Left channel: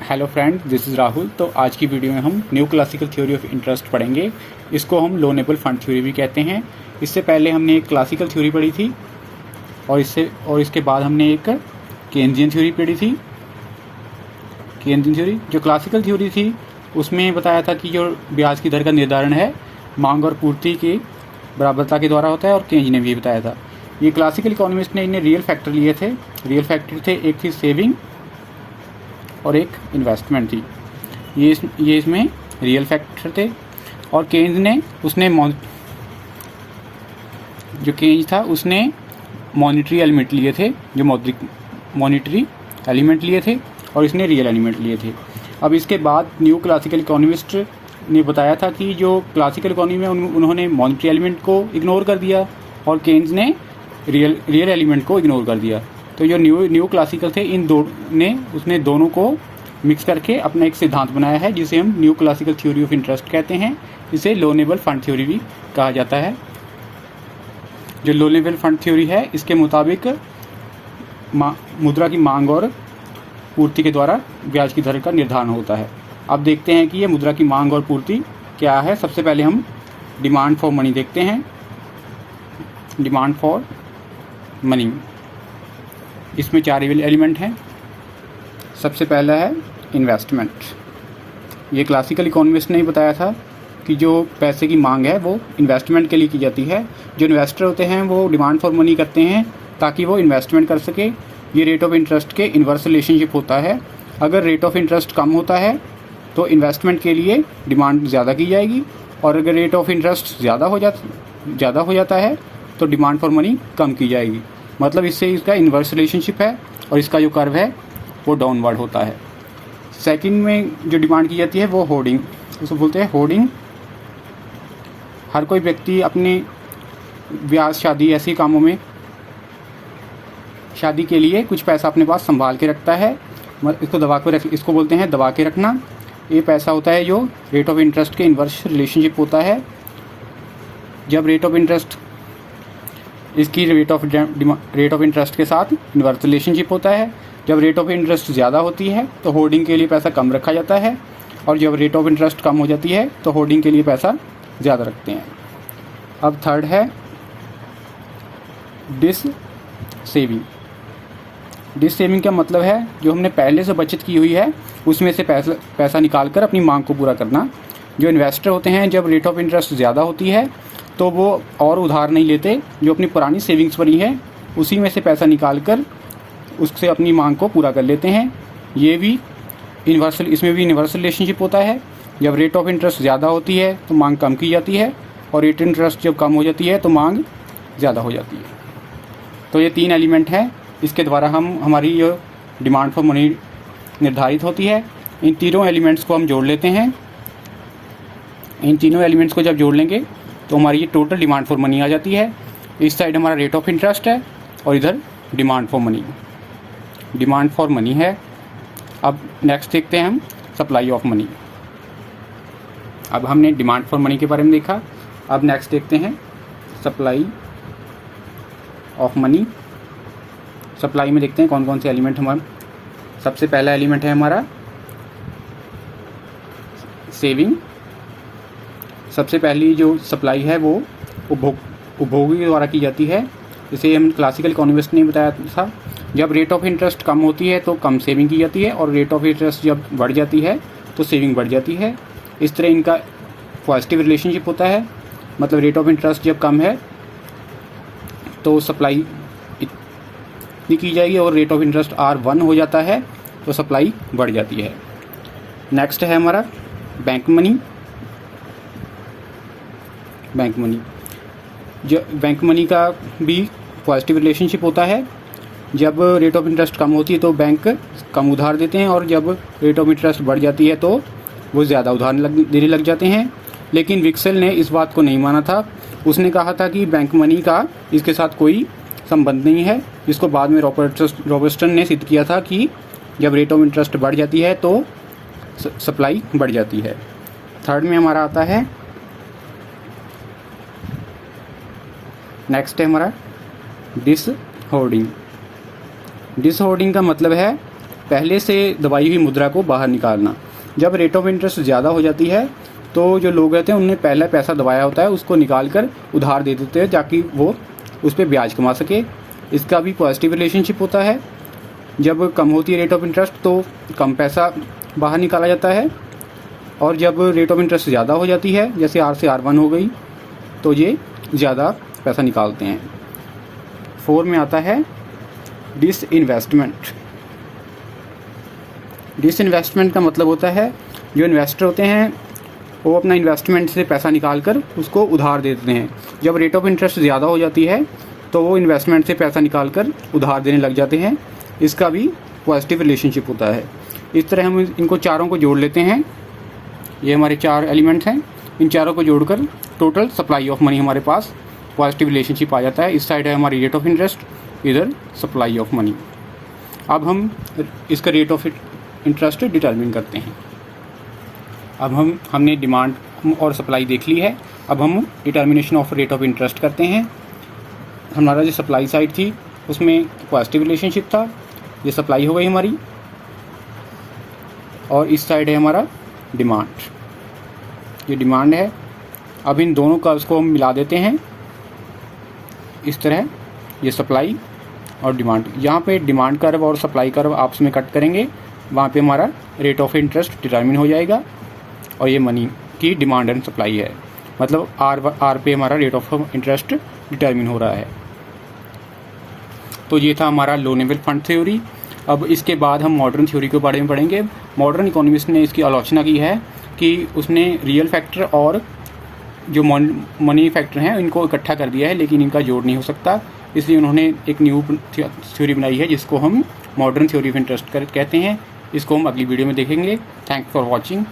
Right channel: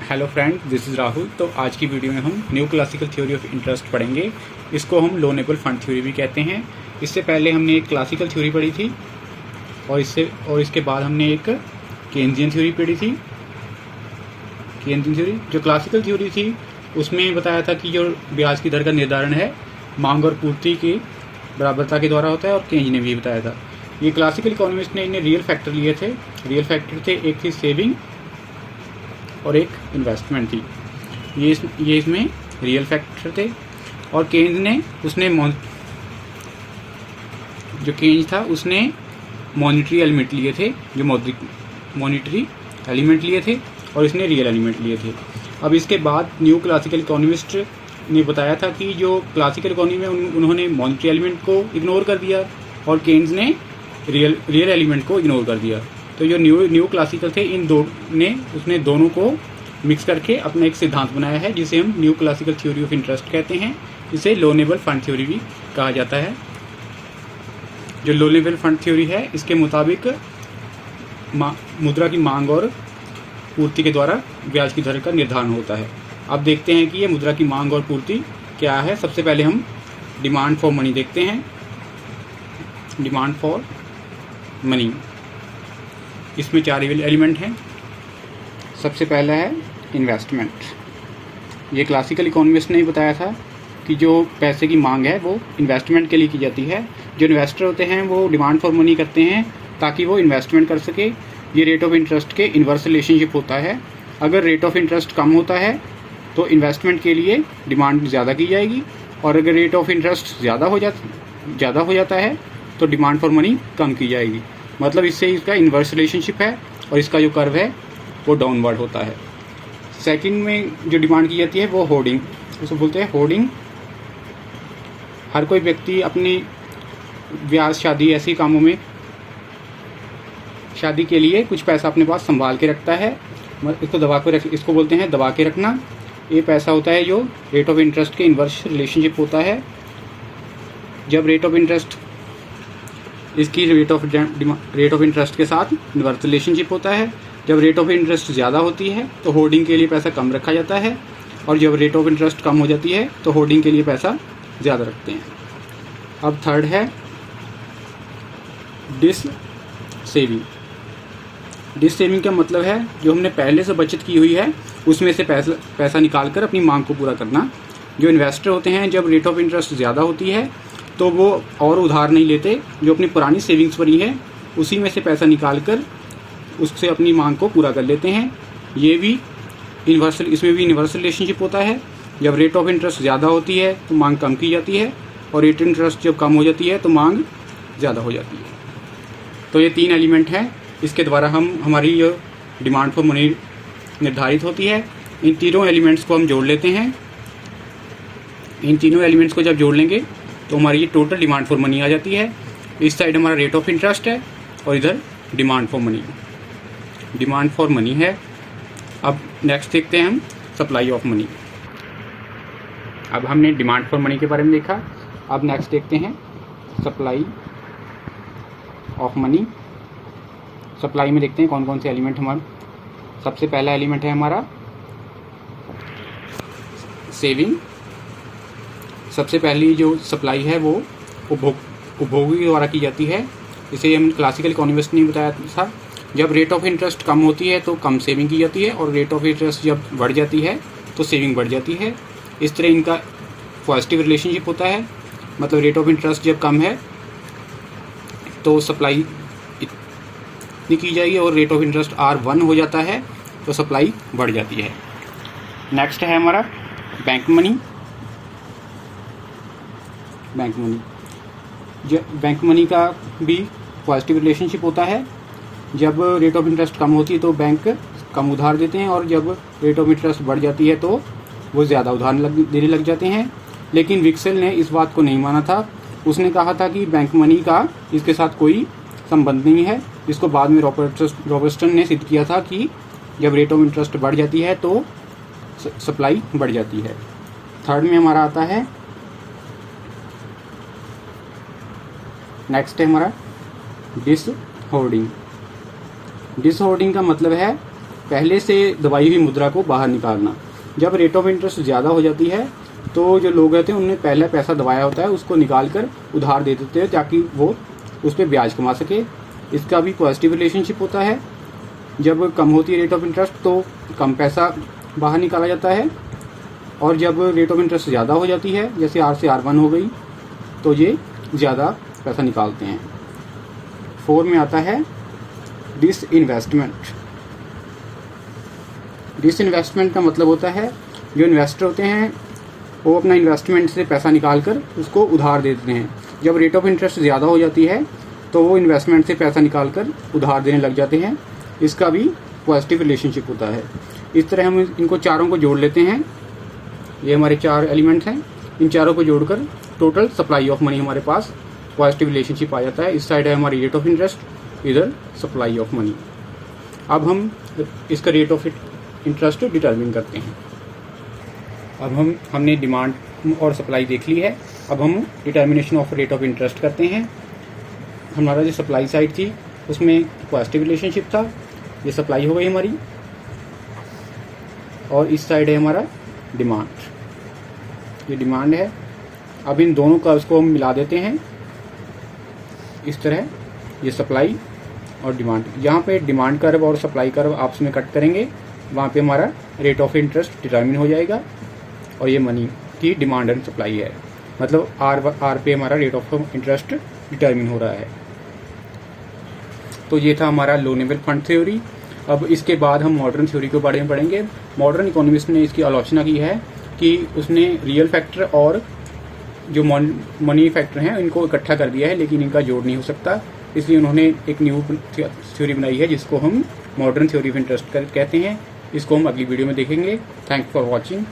Hello friend, this is Rahul. तो आज की वीडियो में हम new classical theory of interest पढ़ेंगे। इसको हम लोनेबल फंड थ्योरी भी कहते हैं। इससे पहले हमने एक क्लासिकल थ्योरी पढ़ी थी और इसके बाद हमने एक केन्जियन थ्योरी पढ़ी थी। केन्जियन थ्योरी, जो क्लासिकल थ्योरी थी, उसमें बताया था कि जो ब्याज की दर का निर्धारण है मांग और पूर्ति की बराबरता के द्वारा होता है, और केन्ज ने भी बताया था। ये क्लासिकल इकोनॉमिस्ट ने इन्हें रियल फैक्टर लिए थे। रियल फैक्टर थे, एक थी सेविंग और एक इन्वेस्टमेंट थी। ये इसमें रियल फैक्टर थे। और केन्ज ने जो केन्ज था उसने मॉनिटरी एलिमेंट लिए थे, जो मॉनिटरी एलिमेंट लिए थे, और इसने रियल एलिमेंट लिए थे। अब इसके बाद न्यू क्लासिकल इकोनॉमिस्ट ने बताया था कि जो क्लासिकल इकोनॉमी में उन्होंने मॉनिटरी एलिमेंट को इग्नोर कर दिया और केन्ज ने रियल एलिमेंट को इग्नोर कर दिया। तो जो न्यू क्लासिकल थे, उसने दोनों को मिक्स करके अपना एक सिद्धांत बनाया है, जिसे हम new classical theory of interest कहते हैं। इसे लोनेबल फंड थ्योरी भी कहा जाता है। जो लोनेबल फंड थ्योरी है, इसके मुताबिक मुद्रा की मांग और पूर्ति के द्वारा ब्याज की दर का निर्धारण होता है। अब देखते हैं कि ये मुद्रा की मांग और पूर्ति क्या है। सबसे पहले हम डिमांड फॉर मनी देखते हैं। डिमांड फॉर मनी, इसमें 4 एलिमेंट हैं। सबसे पहला है इन्वेस्टमेंट। ये क्लासिकल इकोनॉमिस्ट ने ही बताया था कि जो पैसे की मांग है वो इन्वेस्टमेंट के लिए की जाती है। जो इन्वेस्टर होते हैं वो डिमांड फॉर मनी करते हैं ताकि वो इन्वेस्टमेंट कर सके। ये रेट ऑफ इंटरेस्ट के इन्वर्स रिलेशनशिप होता है। अगर रेट ऑफ इंटरेस्ट कम होता है तो इन्वेस्टमेंट के लिए डिमांड ज़्यादा की जाएगी, और अगर रेट ऑफ इंटरेस्ट ज़्यादा हो जाता है तो डिमांड फॉर मनी कम की जाएगी। मतलब इससे इसका इन्वर्स रिलेशनशिप है, और इसका जो कर्व है वो डाउनवर्ड होता है। सेकंड में जो डिमांड की जाती है वो होर्डिंग, उसे बोलते हैं होर्डिंग। हर कोई व्यक्ति अपने ब्याह, शादी, ऐसी कामों में शादी के लिए कुछ पैसा अपने पास संभाल के रखता है। इसको बोलते हैं दबा के रखना। ये पैसा होता है जो रेट ऑफ इंटरेस्ट के इन्वर्स रिलेशनशिप होता है। जब रेट ऑफ इंटरेस्ट इसकी रेट ऑफ इंटरेस्ट के साथ इन्वर्स रिलेशनशिप होता है। जब रेट ऑफ इंटरेस्ट ज़्यादा होती है तो होर्डिंग के लिए पैसा कम रखा जाता है, और जब रेट ऑफ इंटरेस्ट कम हो जाती है तो होर्डिंग के लिए पैसा ज़्यादा रखते हैं। अब थर्ड है डिस सेविंग। डिस सेविंग का मतलब है जो हमने पहले से बचत की हुई है उसमें से पैसा निकाल कर अपनी मांग को पूरा करना। जो इन्वेस्टर होते हैं, जब रेट ऑफ इंटरेस्ट ज़्यादा होती है तो वो और उधार नहीं लेते, जो अपनी पुरानी सेविंग्स बनी है उसी में से पैसा निकाल कर उससे अपनी मांग को पूरा कर लेते हैं। इसमें भी इन्वर्स रिलेशनशिप होता है। जब रेट ऑफ इंटरेस्ट ज़्यादा होती है तो मांग कम की जाती है, और रेट इंटरेस्ट जब कम हो जाती है तो मांग ज़्यादा हो जाती है। तो ये 3 एलिमेंट हैं, इसके द्वारा हमारी जो डिमांड फॉर मनी निर्धारित होती है। इन तीनों एलिमेंट्स को हम जोड़ लेते हैं। इन तीनों एलिमेंट्स को जब जोड़ लेंगे तो हमारी टोटल डिमांड फॉर मनी आ जाती है। इस साइड हमारा रेट ऑफ इंटरेस्ट है और इधर डिमांड फॉर मनी है। अब नेक्स्ट देखते हैं हम सप्लाई ऑफ मनी। अब हमने डिमांड फॉर मनी के बारे में देखा। अब नेक्स्ट देखते हैं सप्लाई ऑफ मनी। सप्लाई में देखते हैं कौन कौन से एलिमेंट हमारे। सबसे पहला एलिमेंट है हमारा सेविंग। सबसे पहली जो सप्लाई है वो उपभोगी के द्वारा की जाती है। इसे हम क्लासिकल इकोनॉमिस्ट ने बताया था। जब रेट ऑफ इंटरेस्ट कम होती है तो कम सेविंग की जाती है, और रेट ऑफ इंटरेस्ट जब बढ़ जाती है तो सेविंग बढ़ जाती है। इस तरह इनका पॉजिटिव रिलेशनशिप होता है। मतलब रेट ऑफ इंटरेस्ट जब कम है तो सप्लाई इतनी की जाएगी, और रेट ऑफ इंटरेस्ट R1 हो जाता है तो सप्लाई बढ़ जाती है। नेक्स्ट है हमारा बैंक मनी। बैंक मनी का भी पॉजिटिव रिलेशनशिप होता है। जब रेट ऑफ इंटरेस्ट कम होती है तो बैंक कम उधार देते हैं, और जब रेट ऑफ इंटरेस्ट बढ़ जाती है तो वो ज़्यादा उधार देने लग जाते हैं। लेकिन विक्सेल ने इस बात को नहीं माना था। उसने कहा था कि बैंक मनी का इसके साथ कोई संबंध नहीं है। इसको बाद में रॉबर्टसन ने सिद्ध किया था कि जब रेट ऑफ इंटरेस्ट बढ़ जाती है तो सप्लाई बढ़ जाती है। थर्ड में हमारा आता है, नेक्स्ट है हमारा डिस होर्डिंग। डिसहोर्डिंग का मतलब है पहले से दबाई हुई मुद्रा को बाहर निकालना। जब रेट ऑफ इंटरेस्ट ज़्यादा हो जाती है तो जो लोग रहते हैं उन्होंने पहला पैसा दबाया होता है उसको निकाल कर उधार दे देते हैं ताकि वो उस पर ब्याज कमा सके। इसका भी पॉजिटिव रिलेशनशिप होता है। जब कम होती है रेट ऑफ इंटरेस्ट तो कम पैसा बाहर निकाला जाता है, और जब रेट ऑफ इंटरेस्ट ज़्यादा हो जाती है जैसे R से R1 हो गई तो ये ज़्यादा पैसा निकालते हैं। 4 में आता है डिसइन्वेस्टमेंट। डिसइन्वेस्टमेंट का मतलब होता है जो इन्वेस्टर होते हैं वो अपना इन्वेस्टमेंट से पैसा निकाल कर उसको उधार दे देते हैं। जब रेट ऑफ इंटरेस्ट ज़्यादा हो जाती है तो वो इन्वेस्टमेंट से पैसा निकाल कर उधार देने लग जाते हैं। इसका भी पॉजिटिव रिलेशनशिप होता है। इस तरह हम इनको चारों को जोड़ लेते हैं। ये हमारे 4 एलिमेंट्स हैं। इन चारों को जोड़कर टोटल सप्लाई ऑफ मनी हमारे पास पॉजिटिव रिलेशनशिप आ जाता है। इस साइड है हमारी रेट ऑफ इंटरेस्ट, इधर सप्लाई ऑफ मनी। अब हम इसका रेट ऑफ इंटरेस्ट डिटरमिन करते हैं। अब हमने डिमांड और सप्लाई देख ली है। अब हम determination of rate of interest करते हैं। हमारा जो सप्लाई साइड थी उसमें पॉजिटिव रिलेशनशिप था, ये सप्लाई हो गई हमारी, और इस साइड है हमारा डिमांड, ये डिमांड है। अब इन दोनों का उसको हम मिला देते हैं इस तरह, ये सप्लाई और डिमांड। यहाँ पे डिमांड कर्व और सप्लाई कर्व आपस में कट करेंगे, वहाँ पे हमारा रेट ऑफ इंटरेस्ट डिटरमिन हो जाएगा, और ये मनी की डिमांड एंड सप्लाई है, मतलब आर पे हमारा रेट ऑफ इंटरेस्ट डिटरमिन हो रहा है। तो ये था हमारा लो लेवल फंड थ्योरी। अब इसके बाद हम मॉडर्न थ्योरी के बारे में पढ़ेंगे। मॉडर्न इकोनॉमिस्ट ने इसकी आलोचना की है कि उसने रियल फैक्टर और जो मनी फैक्टर हैं इनको इकट्ठा कर दिया है, लेकिन इनका जोड़ नहीं हो सकता। इसलिए उन्होंने एक न्यू थ्योरी बनाई है जिसको हम मॉडर्न थ्योरी ऑफ इंटरेस्ट कहते हैं। इसको हम अगली वीडियो में देखेंगे। Thanks for watching.